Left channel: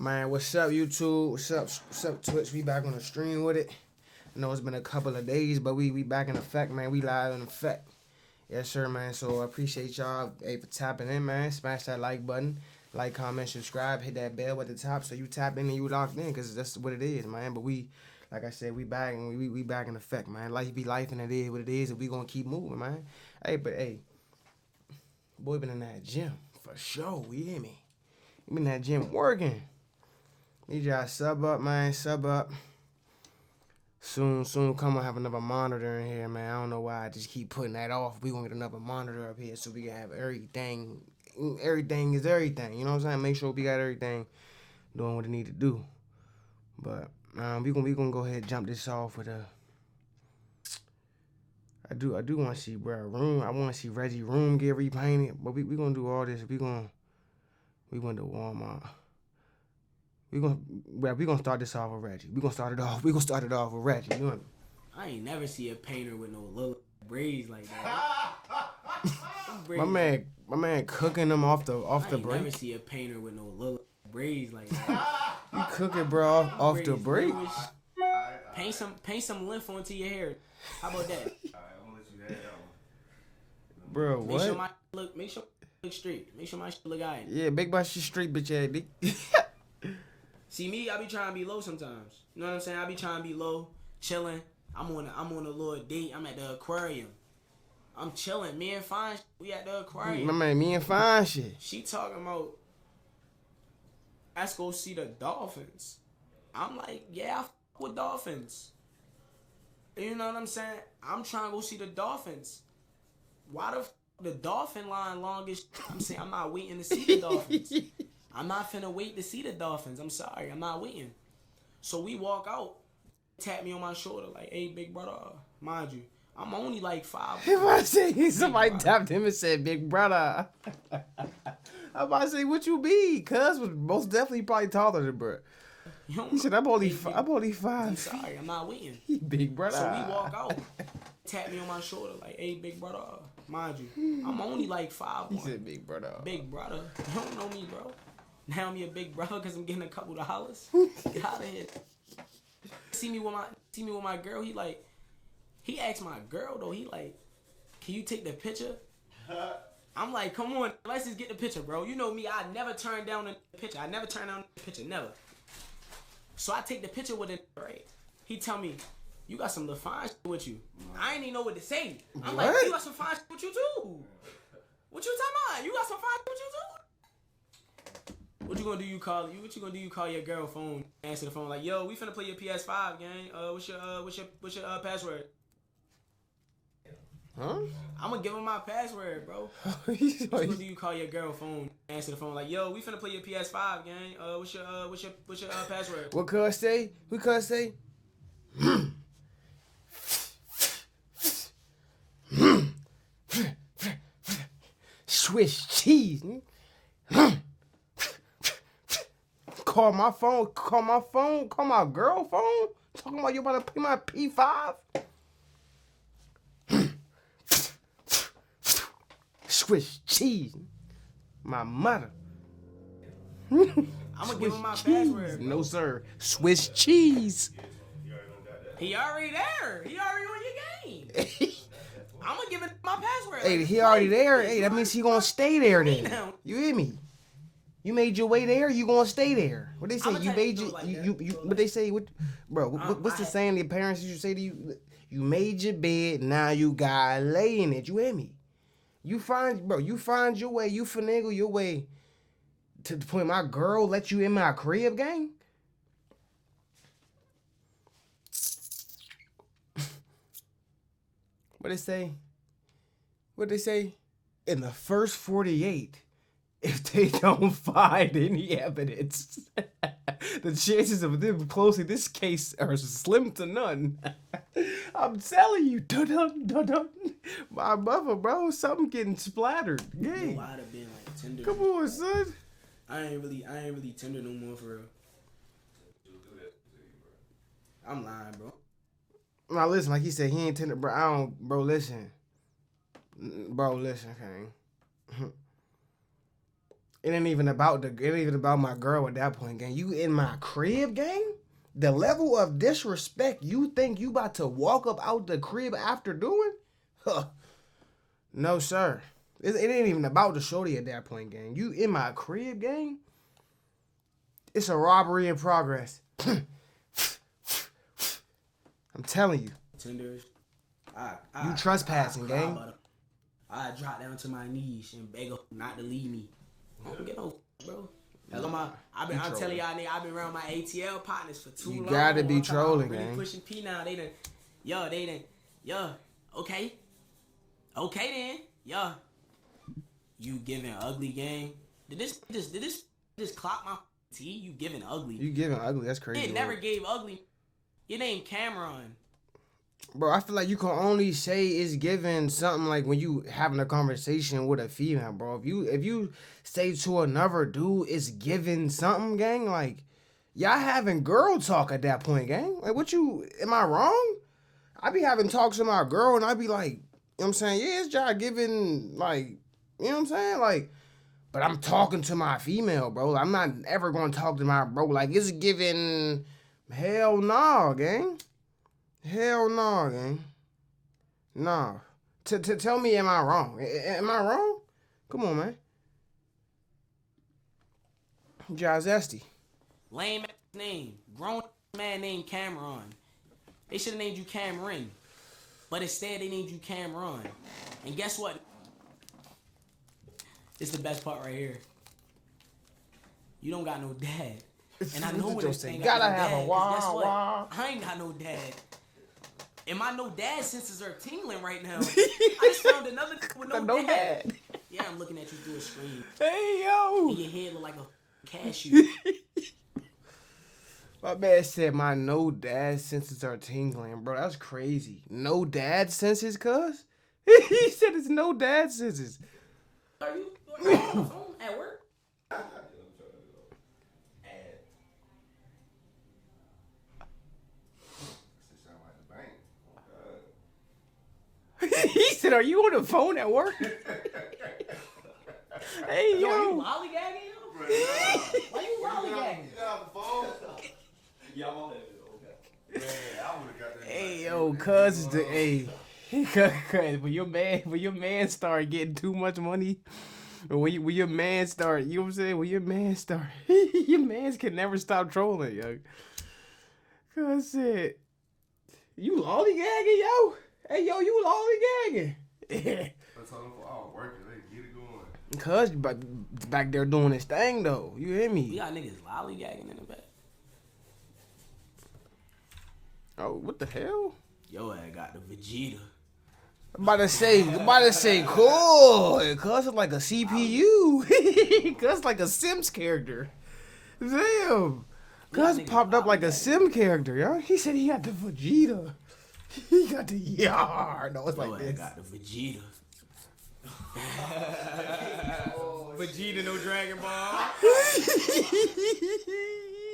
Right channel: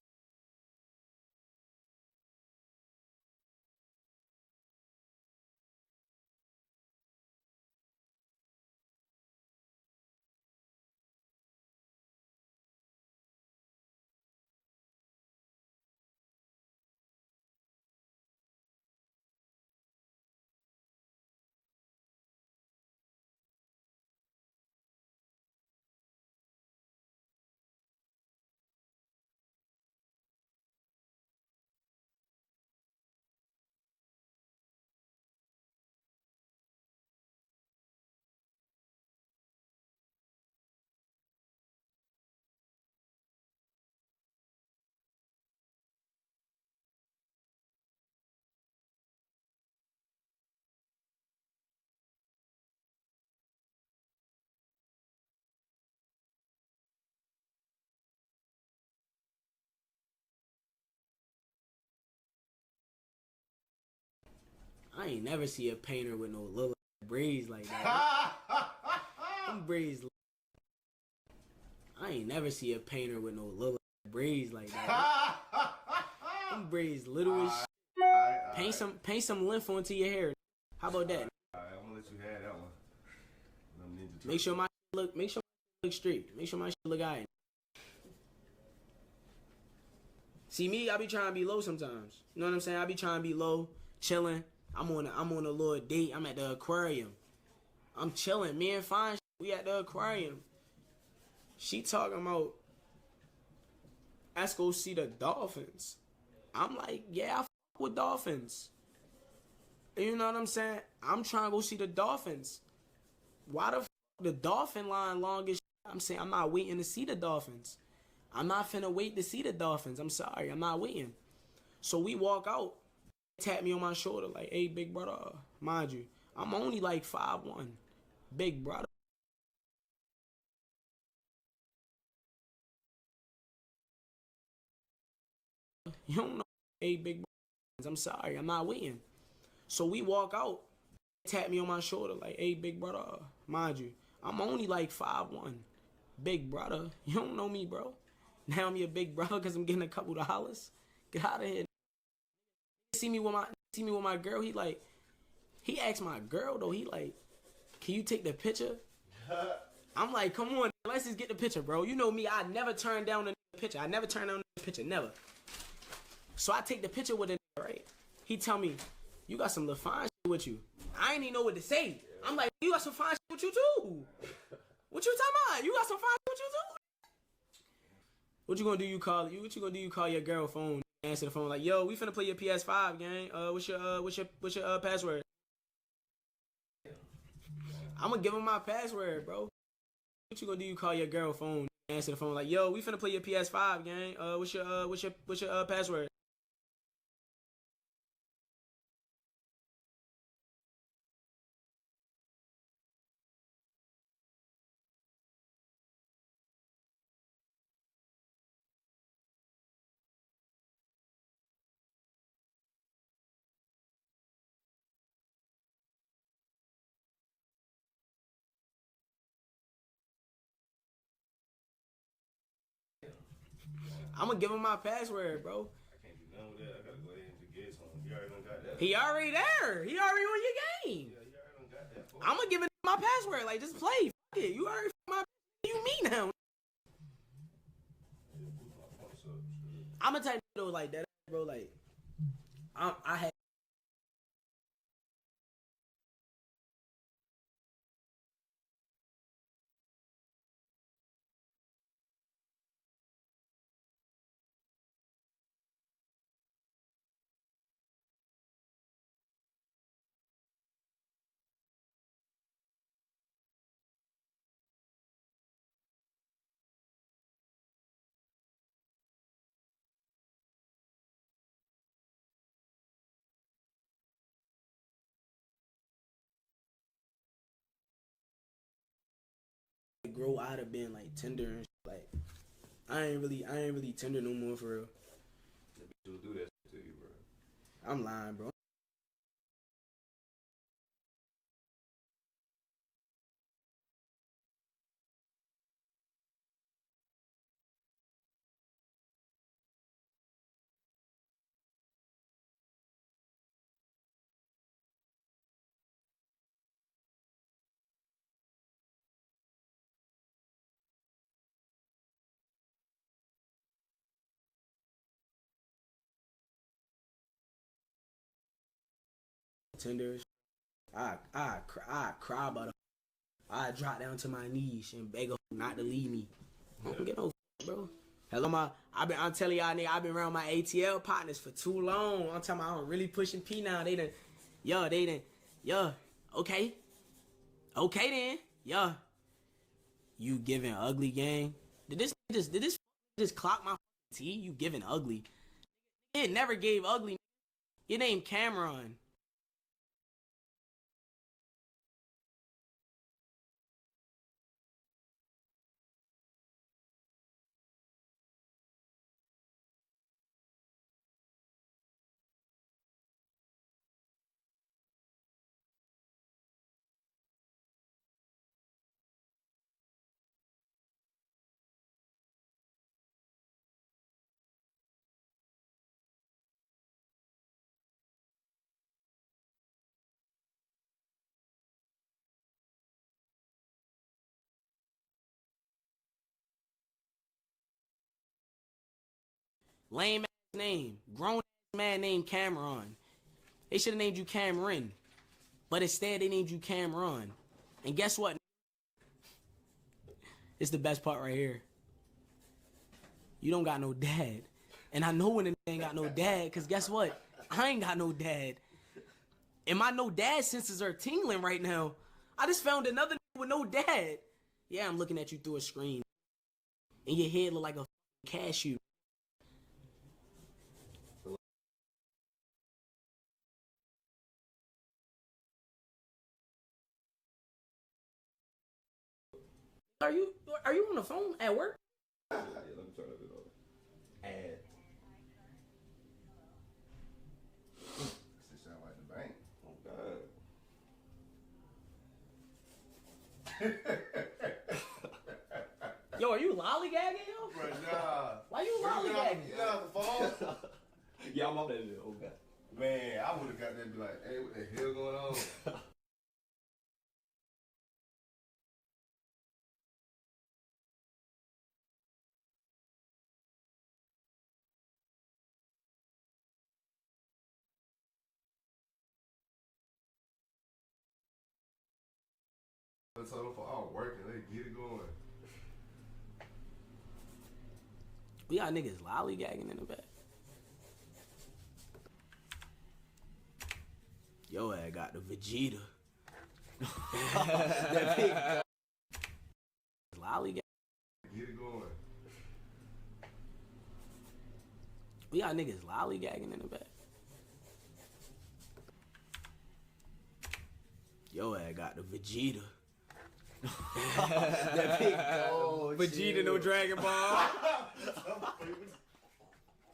Man, what's up, YouTube? What's up, Twitch? We back on the stream with it. I know it's been a couple of days, but we back in effect, man. We live in effect. Yes, sir, man. So I appreciate y'all for tapping in, man. Smash that like button. Like, comment, subscribe, hit that bell at the top so you tap in and you locked in, because that's what it is, man. But we, like I said, we back and we back in effect, man. Life be life and it is what it is, and we gonna keep moving, man. Hey, boy been in that gym for sure, you hear me? You been in that gym working. Need y'all sub up, man. Sub up. Soon, come on, have another monitor in here, man. I don't know why I just keep putting that off. We gonna get another monitor up here so we can have everything. Everything is everything. You know what I'm saying? Make sure we got everything doing what it need to do. But we gonna go ahead and jump this off with a. I do want to see room. I want to see Reggie room get repainted. But we gonna do all this. We gonna do Walmart. We gonna start this off with Reggie. We gonna start it off with Reggie. You know? I ain't never see a painter with no little braids like that. my man cooking them off the I ain't break. never see a painter with no little braids like that. You cooking, bro, off the break. Paint some length onto your hair. How about that? Alright, I'm gonna let you have that one. Bro, Make sure my look straight. Make sure my shit look alright. Yeah, big boy shit straight, bitch ass dick. See me, I be trying to be low sometimes. You know what I'm saying? I be trying to be low, chilling. I'm on a little date. I'm at the aquarium. I'm chilling. Me and Fine, we at the aquarium. My man, me and Fine shit. She talking about, let's go see the dolphins. I'm like, yeah, I f with dolphins. You know what I'm saying? I'm trying to go see the dolphins. Why the dolphin line longest? I'm saying I'm not waiting to see the dolphins. I'm not finna wait to see the dolphins. I'm sorry, I'm not waiting. So we walk out, tap me on my shoulder like, hey, big brother, mind you, I'm only like 5'1". If I say somebody brother. tapped him and said, big brother. I'm about to say, what you be? Cuz was most definitely probably taller than bro. You don't He said, I'm only 5. I'm sorry, I'm not waiting. Big brother. So we walk out, tap me on my shoulder like, hey, big brother, mind you, I'm only like 5'1". He said, big brother. Big brother, you don't know me, bro. Now I'm your big brother because I'm getting a couple dollars. Get out of here. See me with my girl. He asked my girl though. He like, can you take the picture? I'm like, come on, let's just get the picture, bro. You know me, I never turn down the picture. Never. So I take the picture with it, right? He tell me, you got some little fine shit with you. I ain't even know what to say. I'm like, you got some fine shit with you too. What you talking about? You got some fine shit with you too? What you gonna do? You call your girl phone, answer the phone like, yo, we finna play your PS5 gang. What's your password? Huh? I'm gonna give him my password, bro. What you gonna do? You call your girl phone, answer the phone like, yo, we finna play your PS5 gang. What's your password? What cuz say? What cuz say? Swiss cheese. Call my girl phone. Talking about you about to pay my P5. Swiss cheese. My mother. I'm gonna give him my password, bro. No, sir. Swiss cheese. He already there. He already on your game. I'm gonna give him my password. Hey, like, he already there. Hey, Hey, that means he gonna stay there then. now. You hear me? You made your way there. You gonna stay there. What they say? I'ma You tell made you your. like that, You. bro, What like- they say? What's the saying? The parents used to say to you, "You made your bed. Now you gotta lay in it." You hear me? You find your way. You finagle your way to the point my girl let you in my crib, gang. What they say? In the first 48, if they don't find any evidence, the chances of them closing this case are slim to none. I'm telling you, dun. My mother, bro, something getting splattered. Yeah. Bro, I'd have been like tender. Come on, like, son. I ain't really tender no more for real. She'll do that to you, bro. I'm lying, bro. Now listen, like he said, he ain't tender, bro. Listen, King. It ain't even about my girl at that point, gang. You in my crib, gang? The level of disrespect you think you about to walk up out the crib after doing? Huh. No, sir. It ain't even about the shorty at that point, gang. You in my crib, gang? It's a robbery in progress. I'm telling you. Tenders. You trespassing, gang. I drop down to my knees and beg her not to leave me. I don't get no bro. Hello, I'm telling y'all, nigga, I've been around my ATL partners for too long. You gotta be I'm trolling, really gang. pushing P now. Okay, then, you giving ugly, gang. Did this just clock my T? You giving ugly? You giving ugly? That's crazy. It never gave ugly. Your name Cameron. Bro, I feel like you can only say it's given something like when you having a conversation with a female, bro. If you say to another dude it's given something, gang, like y'all having girl talk at that point, gang. Like am I wrong? I be having talks with my girl and I be like, you know what I'm saying? Yeah, it's y'all giving, like, you know what I'm saying? Like, but I'm talking to my female, bro. I'm not ever gonna talk to my bro like it's given. Hell nah, gang. Hell no, gang. Nah. Tell me, am I wrong? Am I wrong? Come on, man. Jazesty. Lame ass name. Grown man named Cameron. They should have named you Cameron. But instead they named you Cameron. And guess what? It's the best part right here. You don't got no dad. And I know when this thing got no dad, because guess what? I ain't got no dad. And my no dad senses are tingling right now. I just found another with no dad. Yeah, I'm looking at you through a screen. Hey, yo. And your head look like a cashew. My man said my no dad senses are tingling, bro. That's crazy. No dad senses, cuz? He said it's no dad senses. Are you on the phone at work? He said, "Are you on the phone at work?" Hey, yo, Are you lollygagging, yo? Why you lollygagging? You got the phone? Yeah, I'm on that. Okay. Man, I would have got that. Hey, yo, cuz is the cuz when your man start getting too much money, or when your man start, you know what I'm saying? When your man start, your mans can never stop trolling, yo. Cuz said, "You lollygagging, yo? Hey, yo, you lollygagging?" I told them for all working, they get it going. Cuz back there doing his thing though. You hear me? We got niggas lollygagging in the back. Oh, what the hell? Yo, I got the Vegeta. I'm about to say, cool. Cuz it's like a CPU. Cuz like a Sims character. Damn. Cuz popped up like a Sim character, yo. He said he got the Vegeta. He got the yard. No, it's Yo, like I this. got the Vegeta. Vegeta, no Dragon Ball.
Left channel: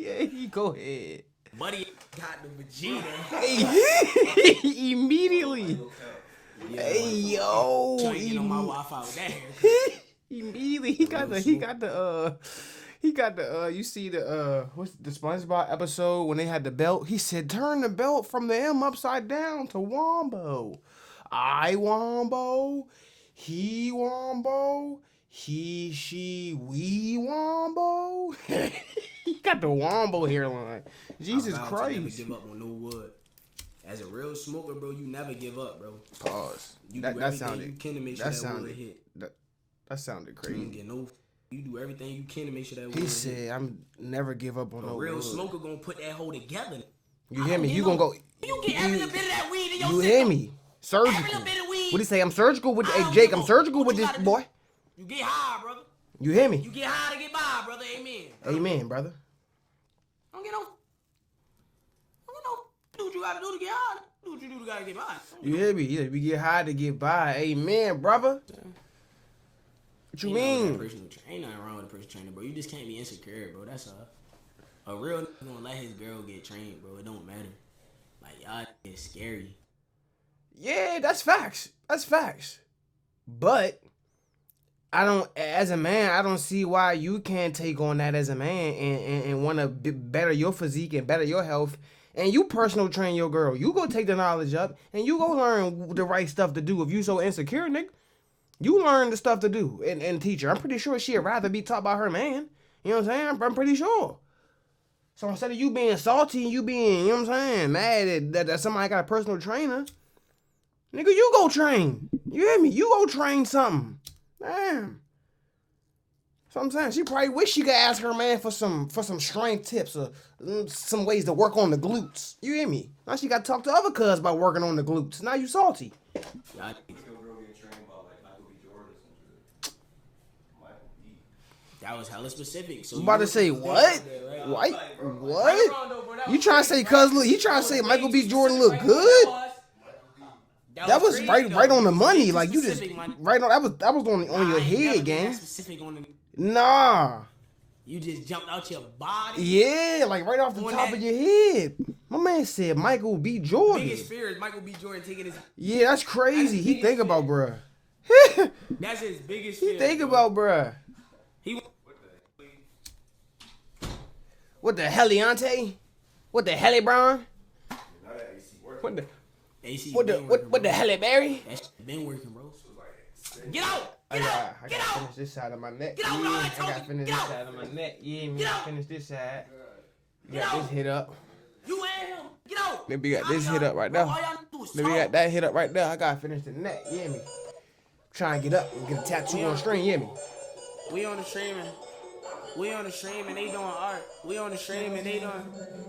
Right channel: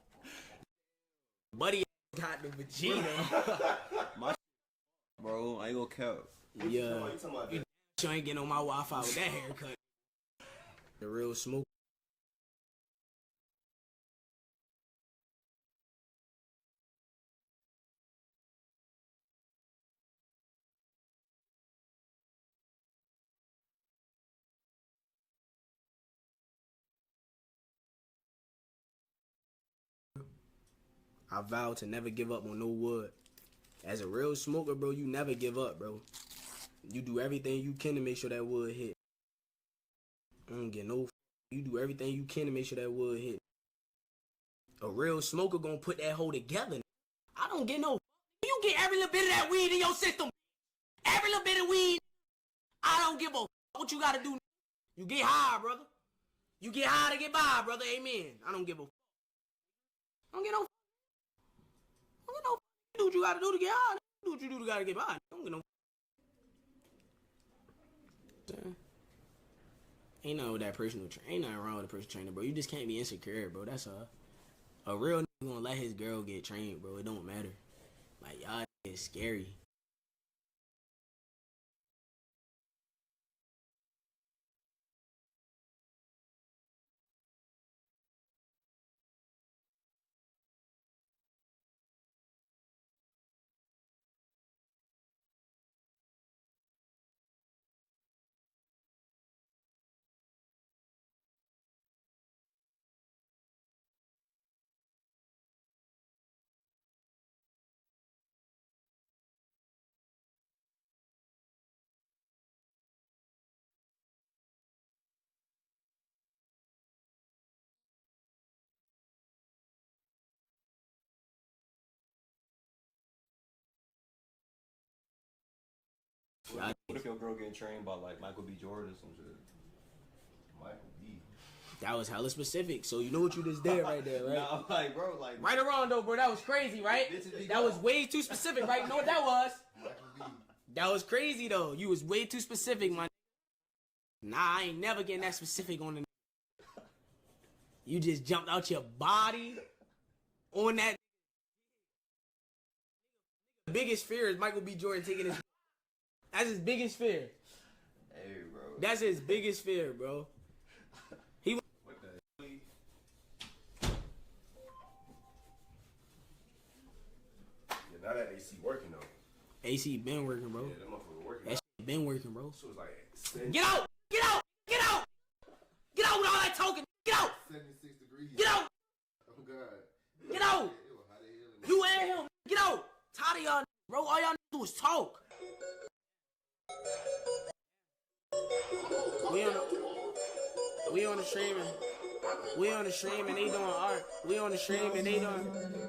Yeah, go ahead. Buddy got the Vegeta. Immediately. Yeah, Hey, yo. you ain't getting on my Wi-Fi with that hair. Immediately, he got the you see what's the SpongeBob episode when they had the belt? He said, turn the belt from the M upside down to Wombo. I Wombo, he Wombo, he, she, we Wombo. He got the Wombo hairline. Jesus I vow Christ. to never give up on no wood. As a real smoker, bro, you never give up, bro. Pause. You do everything you can to make sure that wood hit. That sounded You don't crazy. get no. You do everything you can to make sure that He wood said, hit. I'm never give up on A no real wood. smoker gonna put that hole together. You hear me? You gonna go. You get every little bit of that weed in your You system. hear me? Surgical. Every little bit of weed. What do you say? I'm surgical with. I Hey, don't Jake, give I'm a- surgical what with you this gotta do? boy. You get high, brother. You hear me? You get high to get by, brother. Amen. Amen, brother. I don't get no. Do what you gotta do to get high. Do what you do to gotta get by. You hear me? Yeah, we get high to get by. Amen, brother. What you Ain't nothing with mean? that personal ain't nothing wrong with a personal trainer, bro. You just can't be insecure, bro. That's a real nigga gonna let his girl get trained, bro. It don't matter. Like y'all is scary. Yeah, that's facts. That's facts. But as a man, I don't see why you can't take on that as a man and want to better your physique and better your health. And you personal train your girl. You go take the knowledge up and you go learn the right stuff to do. If you so insecure, nigga, you learn the stuff to do and teach her. I'm pretty sure she'd rather be taught by her man. You know what I'm saying? I'm pretty sure. So instead of you being salty and you being, you know what I'm saying, mad that somebody got a personal trainer, nigga, you go train. You hear me? You go train something. Damn. So I'm saying she probably wish she could ask her man for some strength tips or some ways to work on the glutes. You hear me? Now she got to talk to other cuz about working on the glutes. Now you salty. What if your girl getting trained by like Michael B. Jordan or some shit? Michael B. That was hella specific. So You about to say what? Right there, right? Nah, What? like, bro, like, What? Right around though, bro. That was You trying to say crazy, cuz look? You trying to say That was Michael way B. too Jordan specific, look right? No, good? That was crazy, right though. on the It was way money. too Like you just specific, man. right on. That was on Nah, your I ain't never head, getting gang. that specific on the. Nah. You just jumped out your body. Yeah, like right off the On top that- of your head. My man said Michael B. Jordan. Biggest fear is Michael B. Jordan taking his. Yeah, that's crazy. That's his He biggest think about fear. bruh. That's his biggest He fear. think bro. about bruh. He. What the heliante? What the helibron? Now that AC working. What the AC what the been working, what the bro. heliberry? That shit been working, bro. So it's like, Get out! Get out! I Get gotta out! finish this side of my neck. Get out with all that I gotta talking. finish Get this out! side of my neck. Yeah, man. Get out! Finish this side. Get out! This hit up. You and him. Get out! Then we got All this y'all- hit up right bro, there. All y'all do is Then we got talk. that hit up right there. I gotta finish the neck. You hear me? Trying to get up and get a tattoo on the string. You hear me? We on the streaming. We on the stream and they doing art. We on the stream and they doing.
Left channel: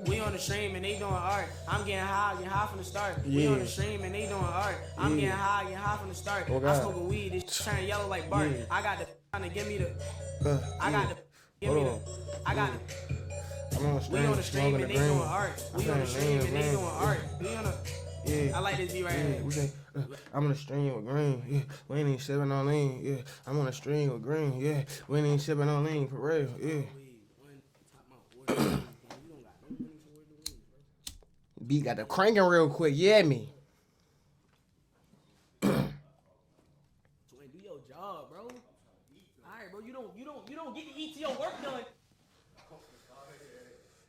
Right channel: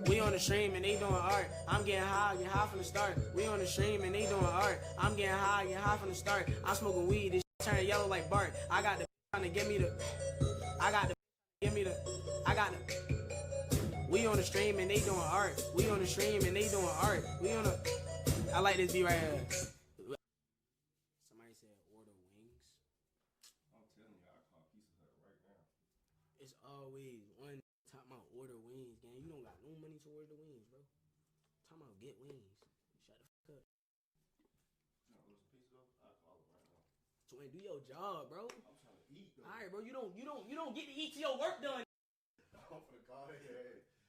We on the stream and they doing art. I'm getting high from the start. We on the stream and they doing art. I'm getting high from the start. Oh, I'm God. smoking weed. This shit turn yellow like Bart. I got the trying to give me the. I got the give me the. I got the. We on the stream and they doing art. We on the stream and they doing art. We on the. Yeah. I like this beat right here. We say, I'm on a string with green. Yeah, we ain't even sipping on lean. Yeah, I'm on a string with green. Yeah, we ain't even sipping on lean for real. Yeah. One top my order. Damn, you don't got no money to order the wings, bro. B got the cranking real quick. Yeah, me. So do your job, bro. All right, bro. You don't get to eat till your work done.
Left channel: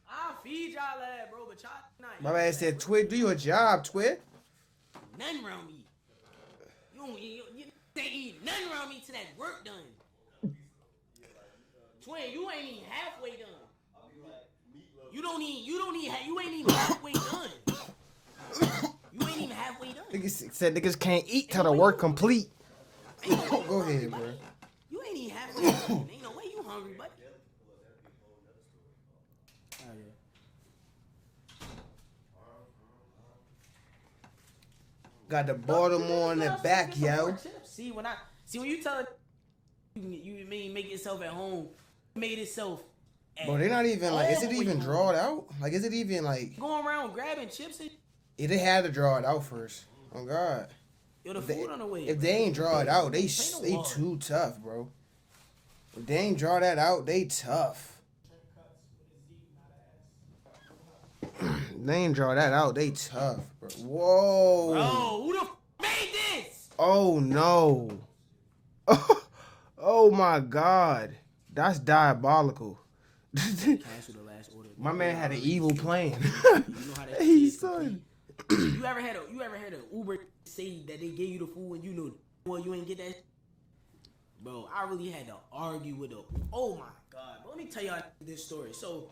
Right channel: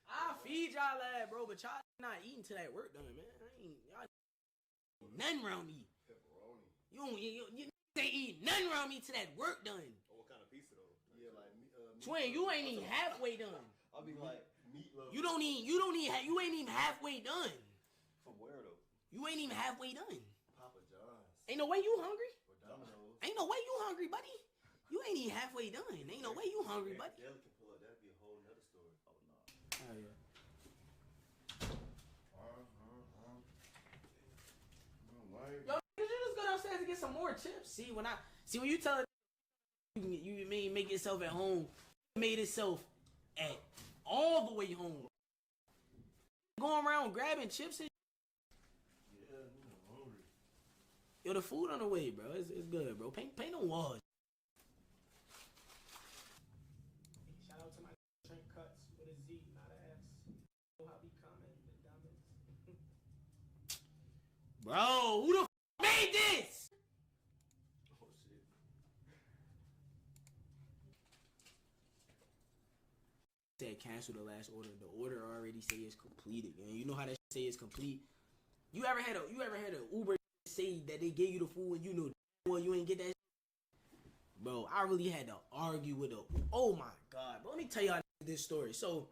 I'll feed y'all that, bro, but y'all not. My eat man till said, that Twit, do your job, Twit. work- Nothing around me. You ain't eat nothing around me till that work done. Twin, you ain't even halfway done. I'll be like meatloaf. You ain't even halfway done. You ain't even halfway done. Niggas said niggas can't eat till no the way work you- complete. Ain't no way you Go hungry, ahead, buddy. bro. You ain't even halfway done. Ain't no way you hungry, buddy. Oh, yeah. Got the Baltimore in the back, yo. See when you tell it, you mean make yourself at home, made itself. Bro, they not even like, is it even drawed out? Like, is it even like, Going around grabbing chips and they had to draw it out first. Oh, God. yo, the food on the way. If bro. they ain't draw it out, they Pay no they water. too tough, bro. If they ain't draw that out, they tough. They ain't draw that out, they tough, bro. Whoa. Bro, who the made this? Oh no. Oh my God. That's diabolical. Cancel the last order. My man had an evil plan. You know how that Hey, is son. complete. You ever had a Uber say that they gave you the food and you knew well you ain't get that? Bro, I really had to argue with a. Oh my God! But let me tell y'all this story. So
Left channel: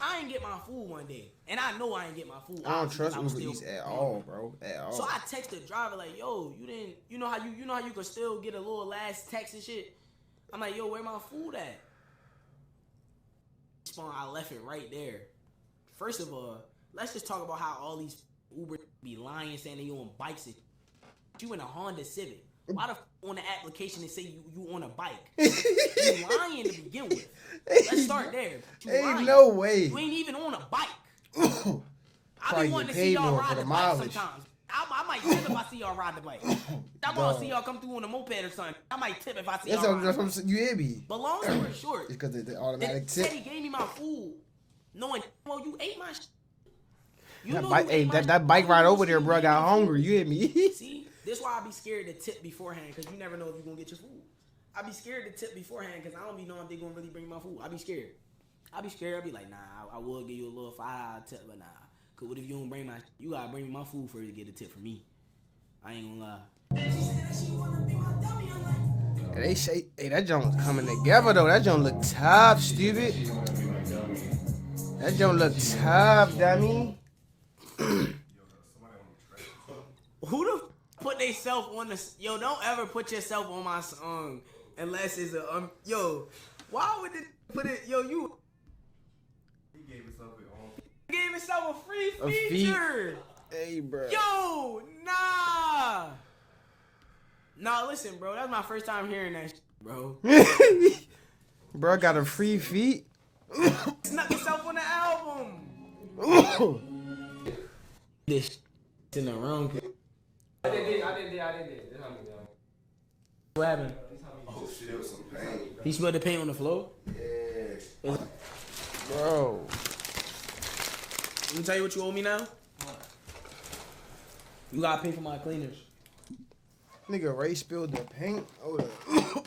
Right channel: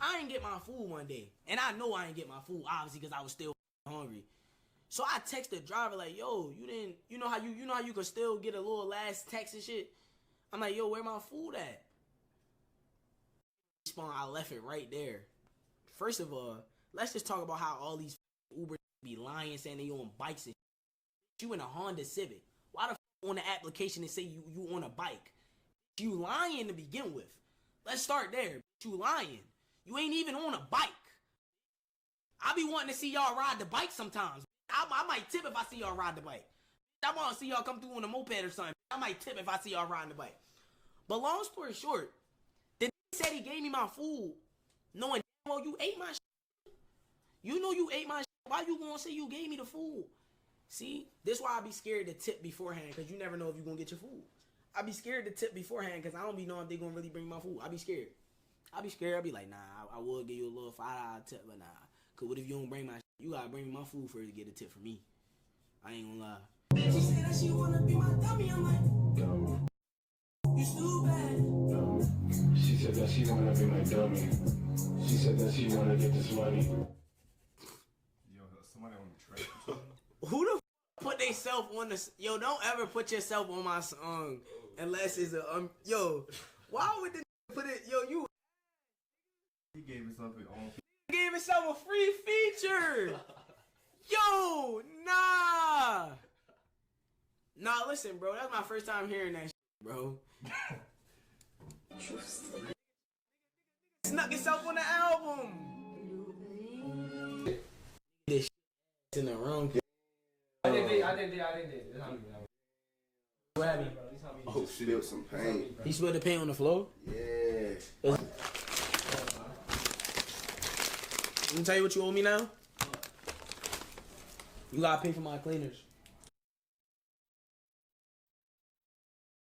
I ain't get my food one day, and I know I ain't get my food. I don't obviously, 'cause trust I was Uber still Eats at hungry. all, bro. At all. So I text the driver like, "Yo, you know how you could still get a little last text and shit." I'm like, "Yo, where my food at?" I left it right there. First of all, let's just talk about how all these Uber be lying, saying they on bikes and you in a Honda Civic. Why the on the application they say you on a bike? You lying to begin with. Let's start there. You Ain't lying. no way. You ain't even on a bike. I Probably be wanting to get see paid y'all more ride for the the bike mileage. sometimes. I might tip if I see y'all ride the bike. I want to see y'all come through on a moped or something. I might tip if I see y'all ride the bike. You hear me? But long story short, It's because the they automatic said tip. he gave me my food, knowing well you ate my. You That know bike, you hey, ate my. that Why bike you ride gonna over say there, you bro, gave me got the hungry. food? You hear me? See, this why I be scared to tip beforehand because you never know if you gonna get your food. I be scared to tip beforehand because I don't be knowing if they gonna really bring my food. I be scared. I be like, nah, I will give you a little $5 tip, but nah. Cause what if you don't bring my? You gotta bring me my food first to get a tip from me. I ain't gonna lie. They say, hey, that joint was coming together though. That joint look tough, stupid. That joint look tough, dummy. Who the put they self on the? Yo, don't ever put yourself on my song unless it's a Yo, why would they put it? Yo, you. He gave himself his own. He gave himself a free feature. Hey, bro. Yo, nah. Nah, listen, bro. That's my first time hearing that shit, bro. Bro got a free feat. Snuck himself on the album. This shit in the wrong. I didn't. What happened? Oh shit, it was some paint. He spilled the paint on the floor? Yeah. Bro. Let me tell you what you owe me now. You gotta pay for my cleaners. Nigga Ray spilled the paint. Hold up.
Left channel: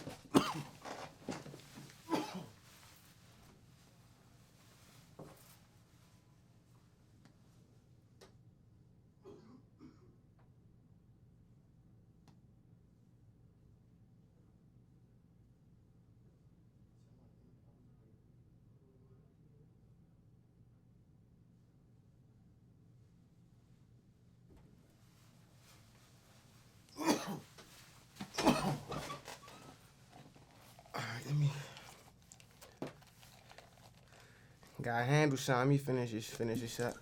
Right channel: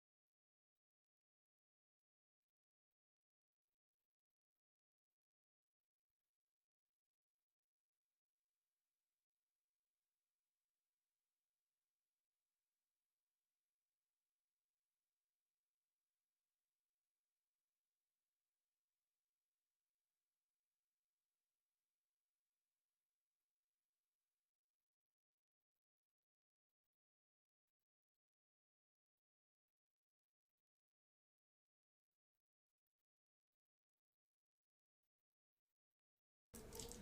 Gotta handle something. Let me finish this up.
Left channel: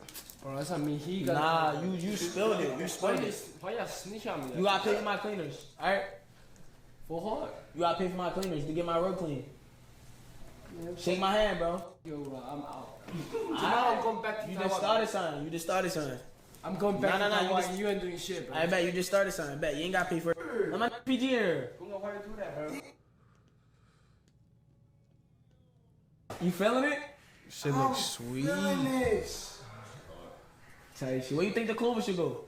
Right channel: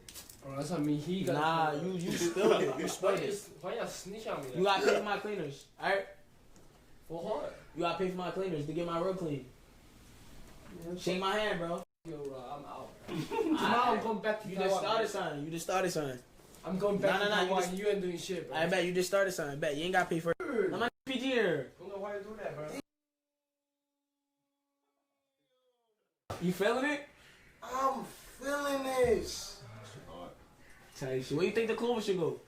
Bro, that's on me. He got. Nah, you spilled it. You spilled it. Why y'all snitch on me? You gotta pay for my cleaners, alright? For what? You gotta pay for my cleaners to get my road clean. Shake my hand, bro. Yo, I'm out. Now I'm going back to You Taiwan. just started something. I'm going back to Nah, Taiwan. You ain't doing shit, bro. I bet you just started something. I bet you ain't gotta pay for it. Let my PG here. Who know why to do that, bro? You feeling it? Shit looks sweet. this. Tell you shit. Where you think the clover should go?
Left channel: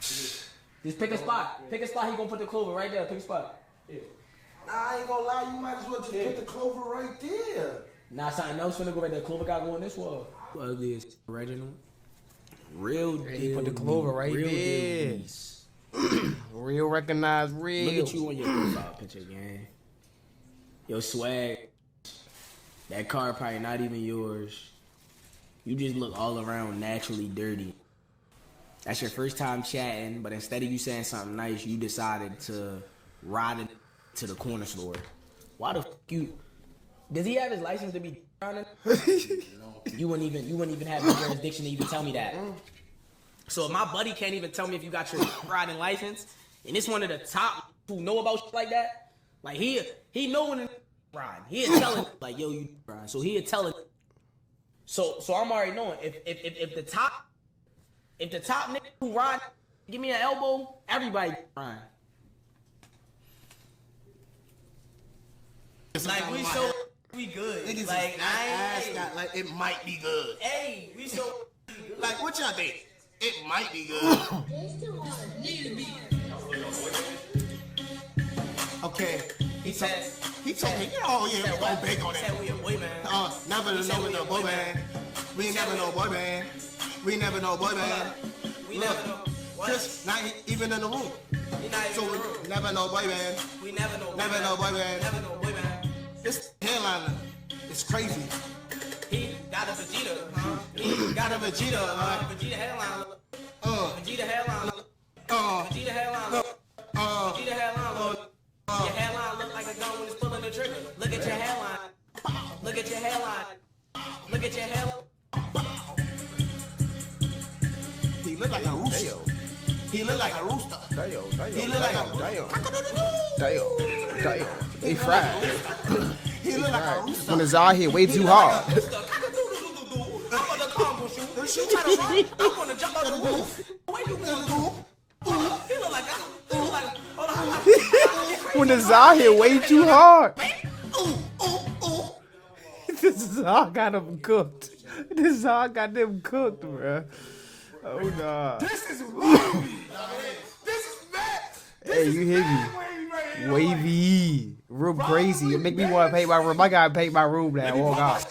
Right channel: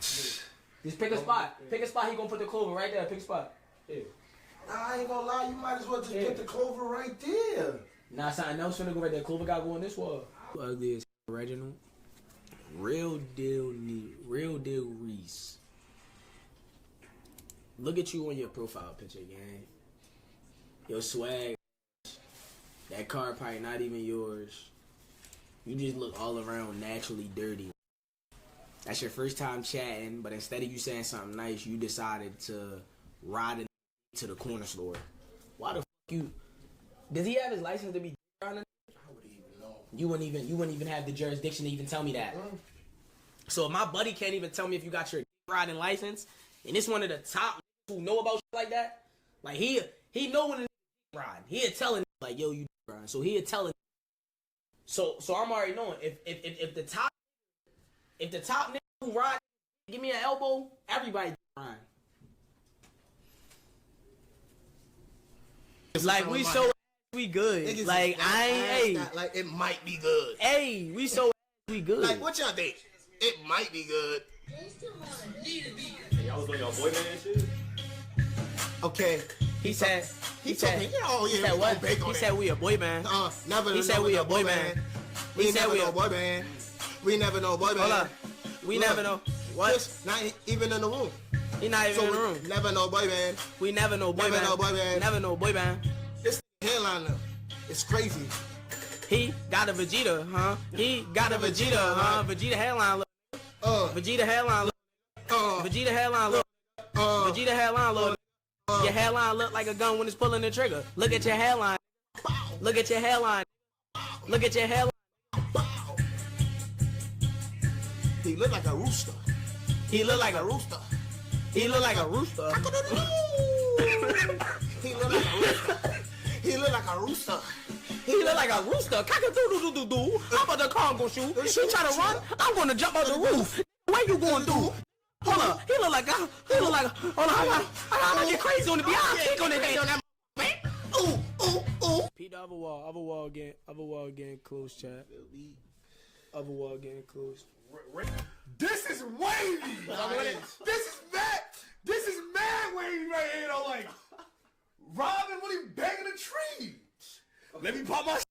Just pick a spot. Pick a spot. He gonna put the clover right there. Pick a spot. Nah, I ain't gonna lie, you might as well just put the clover right there. Nah, something else finna go right there. Clover gotta go on this wall. Ugly as Reginald. Real deal. Put the clover right real there. deal. Reese. Real recognized real. Look at you on your profile picture, gang. Your swag. That car probably not even yours. You just look all around naturally dirty. That's your first time chatting, but instead of you saying something nice, you decided to ride it to the corner store. Why the fuck you? Does he have his license to be driving? You wouldn't even have the jurisdiction to even tell me that. So if my buddy can't even tell me if you got your riding license, and it's one of the top who know about shit like that, like he know when to ride. He'd telling like, yo, you ride. So he'd telling. So I'm already knowing if the top nigga who ride give me an elbow, everybody ride. Like we so we good. Niggas Like is I ain't. not like it might be good. Hey, we so we good. Like what y'all think? It might be good. Okay. he said. He told me, oh yeah, said we what? gon' bake on He that. said we a boy band. Never He said know we no a boy boy band. band. We He said never we know a- boy band. We never know boy Hold band. up. We Look, never know what. Just not even in the room. He not even So in the we room. never know boy band. We never know boy Never band. know boy band. Never know boy band. This hairline, it's crazy. He got a Vegeta, huh? He got a Vegeta, huh? Vegeta hairline look. Vegeta hairline look. Vegeta hairline look. Vegeta hairline look. Your hairline look like a gun when it's pulling the trigger. Look at your hairline. Look at your hairline. Look at your hairline. He look like a rooster. He look like a rooster. He look like a rooster. He look like a rooster. He look like a rooster. When it's out here way He too look like hard. a rooster. Cock-a-doodle-doo-doo-doo. How about the car gonna shoot? She try to run. I'm gonna jump out the roof. What you gonna do? Hold up. He look like a. Hold on. I get crazy When on it's the out ground. here way too hard. Ooh, ooh, ooh. This is all got them cooked. This is all got them cooked, bro. Oh, nah. This is wavy. This is bad. Hey, you hear me? Wavy right here. Wavy, real Bro, crazy. really It make me bad want to pay my trade. room. I gotta pay my room now. Let me Oh pop God.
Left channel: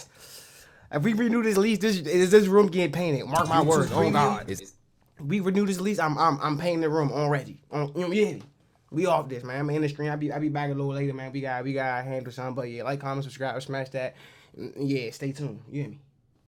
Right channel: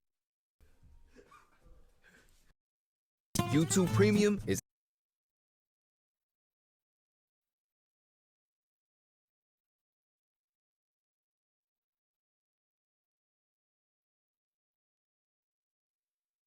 If we renew this lease, this room getting painted. Mark my YouTube words. Oh Premium God. is We renew this lease. I'm painting the room already. You know, yeah. We off this, man. I'm in the stream. I be back a little later, man. We gotta handle something. But yeah, like, comment, subscribe, smash that. Yeah, stay tuned. You hear me?